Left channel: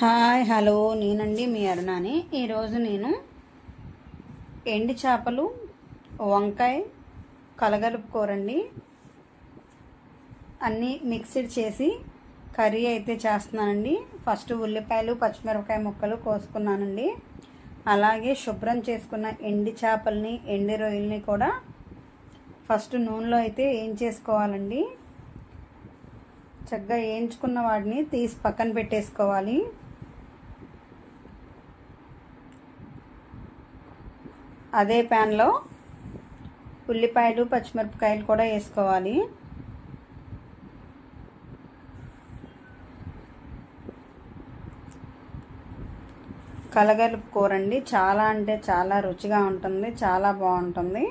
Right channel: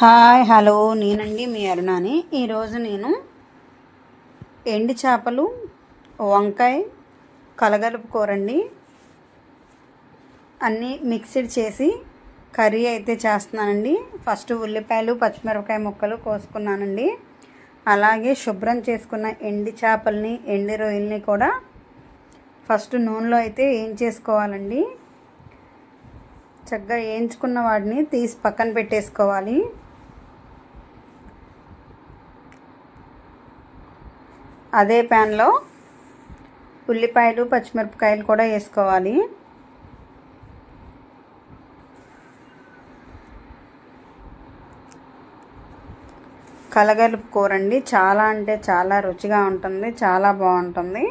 Hi hello నేనండి మీ అరుణాని. ఈరోజు నేను ఎండు చేపలు వంకాయ కలగలుపు కూరండి అన్నీ మిక్స్డ్ చేసి కర్రీ అయితే చేస్తున్నానండి. ఫస్ట్ ఉల్లిపాయలు పచ్చిమిరపకాయ ముక్కలు కోసుకున్నానండి. అలాగే శుభ్రం చేసుకున్న ఎండు చేపల్ని ఎండు రొయ్యల్ని కూడా ఫస్ట్ నూనెలో అయితే వేయించేసుకోవాలండి. చక్కగా వేయించుకున్న వాటిని తీసి పక్కన పెట్టేసుకోవాలి. అదే ప్యాన్లో ఉల్లిపాయలు పచ్చిమిరపకాయలు కూడా వేసుకోవాలి. కలగలుపు కూరండి చాలా అంటే చాలా రుచిగా ఉంటుంది, చాలా బాగుంటుంది.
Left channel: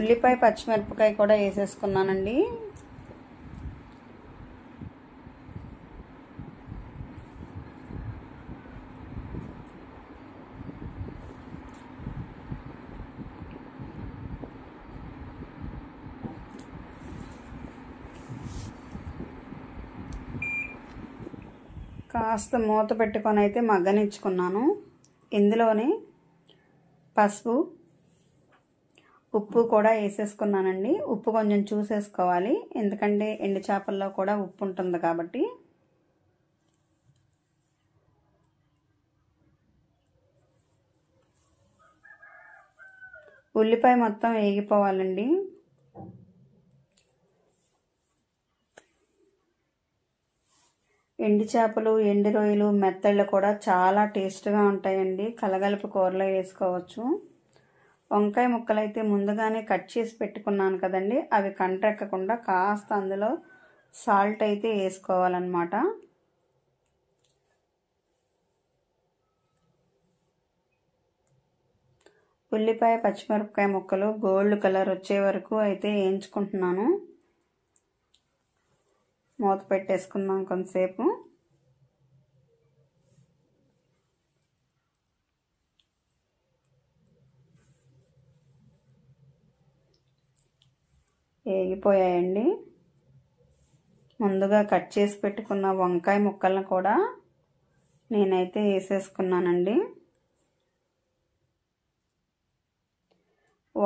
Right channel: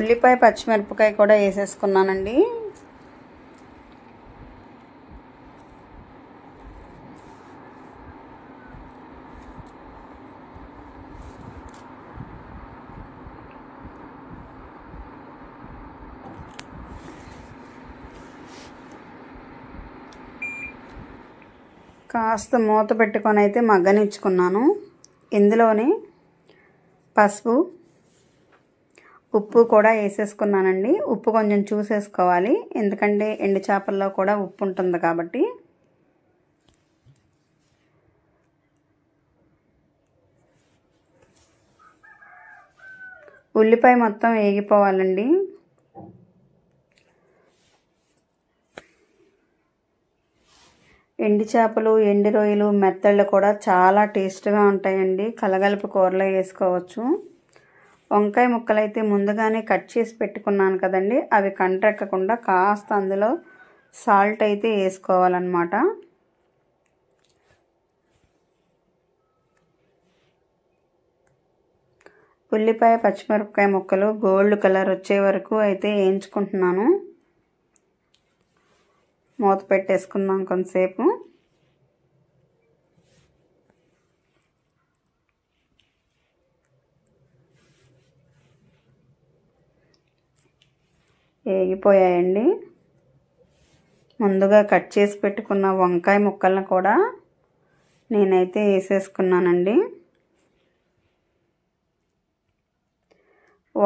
ఉల్లిపాయ పచ్చిమిరపకాయ కూడా వేసేసుకున్నానండి. కాస్త మూత పెట్టుకొని అయితే మగ్గనిచ్చుకున్నాను. ఇందులోనే పసుపు ఉప్పు కూడా వేసేసుకున్నానండి. ఉప్పు కొంచెం చూసేసుకోవాలి, ఎందుకంటే ఎండు చేపల్లో కూడా ఉప్పు ఉంటుంది కాబట్టి. ఉల్లిపాయ మొత్తం వేగిపోవాలండి. ఎండు చేపలు ఎండు రొయ్యలు మెత్తళ్ళు కూడా చాలా టేస్ట్గా ఉంటాయండి. కలగలుపు కూరలో వేసుకోవచ్చు. వంకాయ ముక్కలు అయితే ముందుగానే కట్ చేసి పెట్టుకున్నాను కదండి, అవి కంటెక్కకుండా కాస్త అందులో సాల్ట్ అయితే వేసుకోవాలన్నమాట. ఉల్లిపాయ పచ్చిమిరపకాయ ముక్కలు గోల్డ్ కలర్ వచ్చే వరకు అయితే వేయించుకుంటున్నాను. మూత పెట్టేసుకుందాం కొంతసేపు. వేగిపోయాయండి. ముందుగా కట్ చేసి పెట్టుకున్న వంకాయ ముక్కలను కూడా నేనైతే వేసేసుకున్నానండి.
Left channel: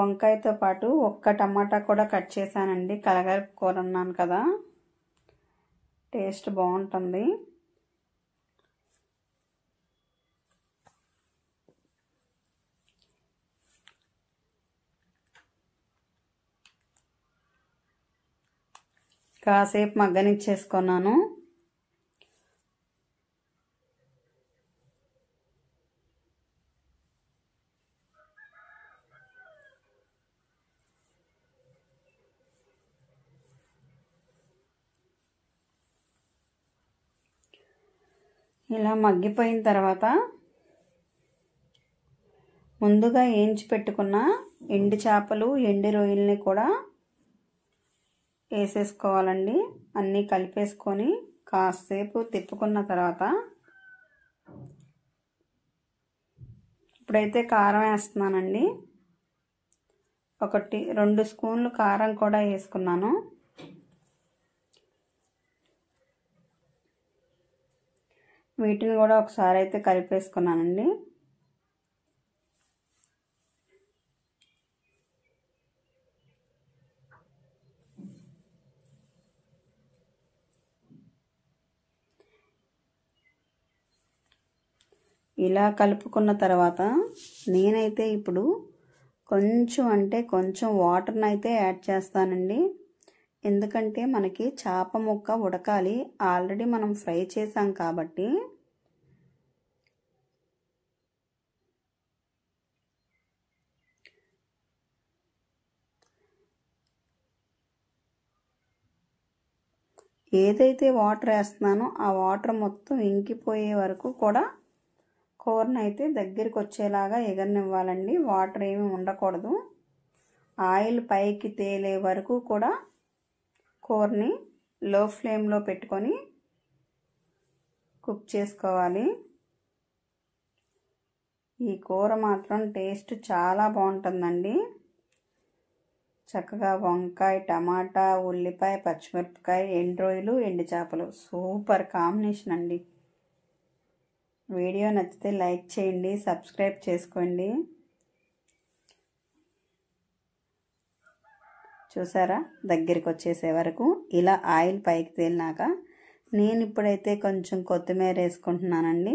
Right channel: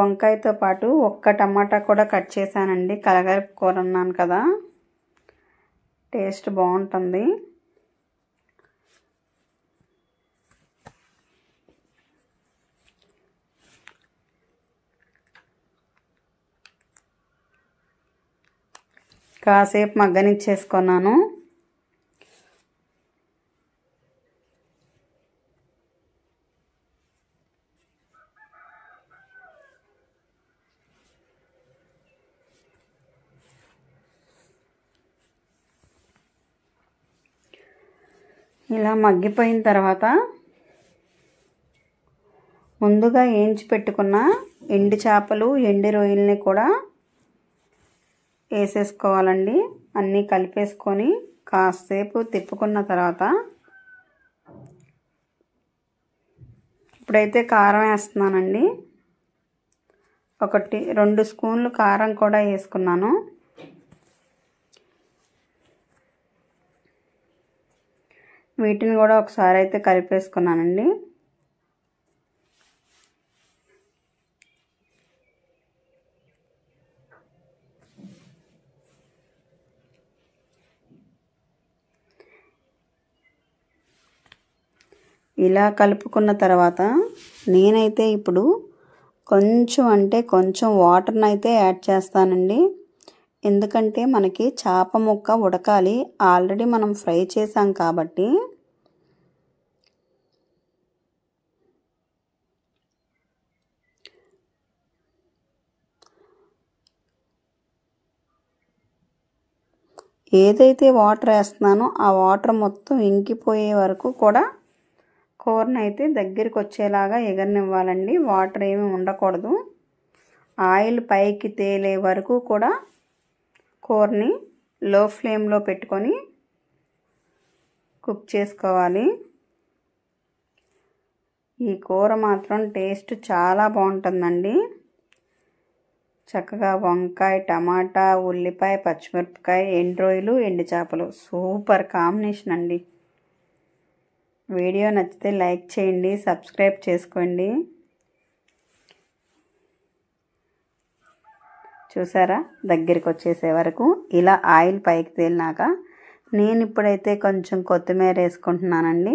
వంకాయతో పాటు ఒక్క టమాటా కూడా కట్ చేశానండి. కలగలుపు కూర అన్నాను కదా, టేస్ట్ బాగుంటుంది. కాసేపు మగ్గనిచ్చేసుకున్నాను. ఇలా మగ్గిపోయిన తర్వాత ముందుగా వేయించి పెట్టుకున్న ఎండు చేపలు ఎండు రొయ్యల్ని కూడా వేసేసుకోవాలండి. అన్నీ కలిపేసుకొని కాసేపు తిప్పుకున్న తర్వాత ఇప్పుడైతే కారం వేస్తున్నానండి. 1-2 స్పూన్లు కారం కూడా వేసుకున్నాను. వీటిని కూడా ఒకసారి అయితే కలిపేసుకున్నానండి. ఇలా కలుపుకున్న తర్వాత నేనైతే ఇప్పుడు కొంచెం వాటర్ని అయితే యాడ్ చేస్తానండి. ఎందుకంటే మనకి చేప ముక్క ఉడకాలి, ఆల్రెడీ మనం ఫ్రై చేసాం కాబట్టి. ఏదైతే వాటర్ వేస్తున్నానో ఆ వాటర్ మొత్తం ఇంకిపోయే వరకు కూడా కూరని అయితే దగ్గరికి వచ్చేలాగా ఎగరనివ్వాలండి. వాటర్ ఏమీ ఉండకూడదు. ఆయిల్ పైకి తేలే వరకు కూడా కూరని లో ఫ్లేమ్లో పెట్టుకొని కుక్ చేసుకోవాలి. ఈ కూర మాత్రం టేస్ట్ చాలా బాగుంటుందండి. చక్కగా వంకాయ, టమాటా, ఉల్లిపాయ, పచ్చిమిరపకాయ, ఎండు రొయ్యలు, ఎండు చేపలు సూపర్ కాంబినేషన్ అండి. వీడియో నచ్చితే లైక్ చేయండి, సబ్స్క్రైబ్ చేసుకోండి. చూసారా, దగ్గరికి వచ్చేసే వరకు ఇలా ఆయిల్ పైకి తేలినాక నేను ఇప్పుడైతే కొంచెం కొత్తిమీర వేసుకుంటున్నానండి.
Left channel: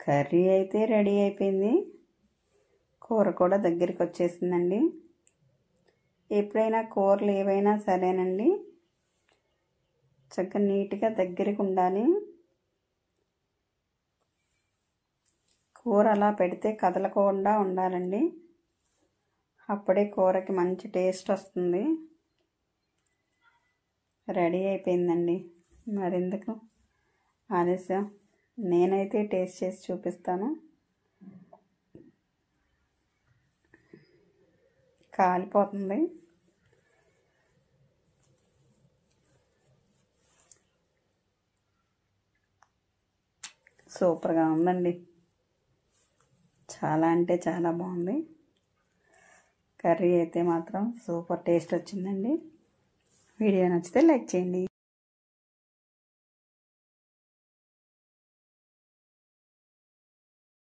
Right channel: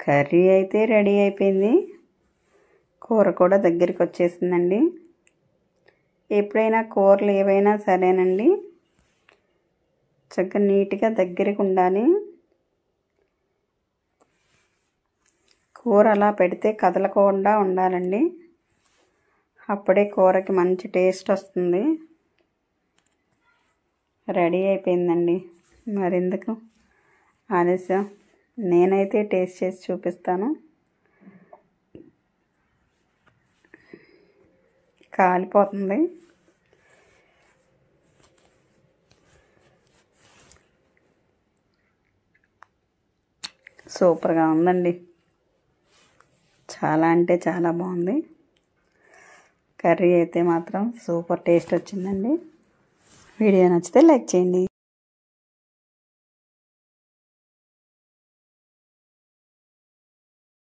కర్రీ అయితే రెడీ అయిపోయింది. కూర కూడా దగ్గరికి వచ్చేసిందండి. ఎప్పుడైనా కూరలు ఏవైనా సరేనండి, చక్కగా నీట్గా దగ్గరికి ఉండాలి. కూర అలా పెడితే కదలకుండా ఉండాలండి. అప్పుడే కూరకి మంచి టేస్ట్ వస్తుంది. రెడీ అయిపోయిందండి. మరెందుకు ఆలస్యం, నేనైతే టేస్ట్ చేసి చూపిస్తాను. కాలిపోతుంది. సూపర్గా ఉందండి. చాలా అంటే చాలా బాగుంది. కర్రీ అయితే మాత్రం సూపర్ టేస్ట్ వచ్చిందండి. వీడియో నచ్చితే లైక్ చేయండి.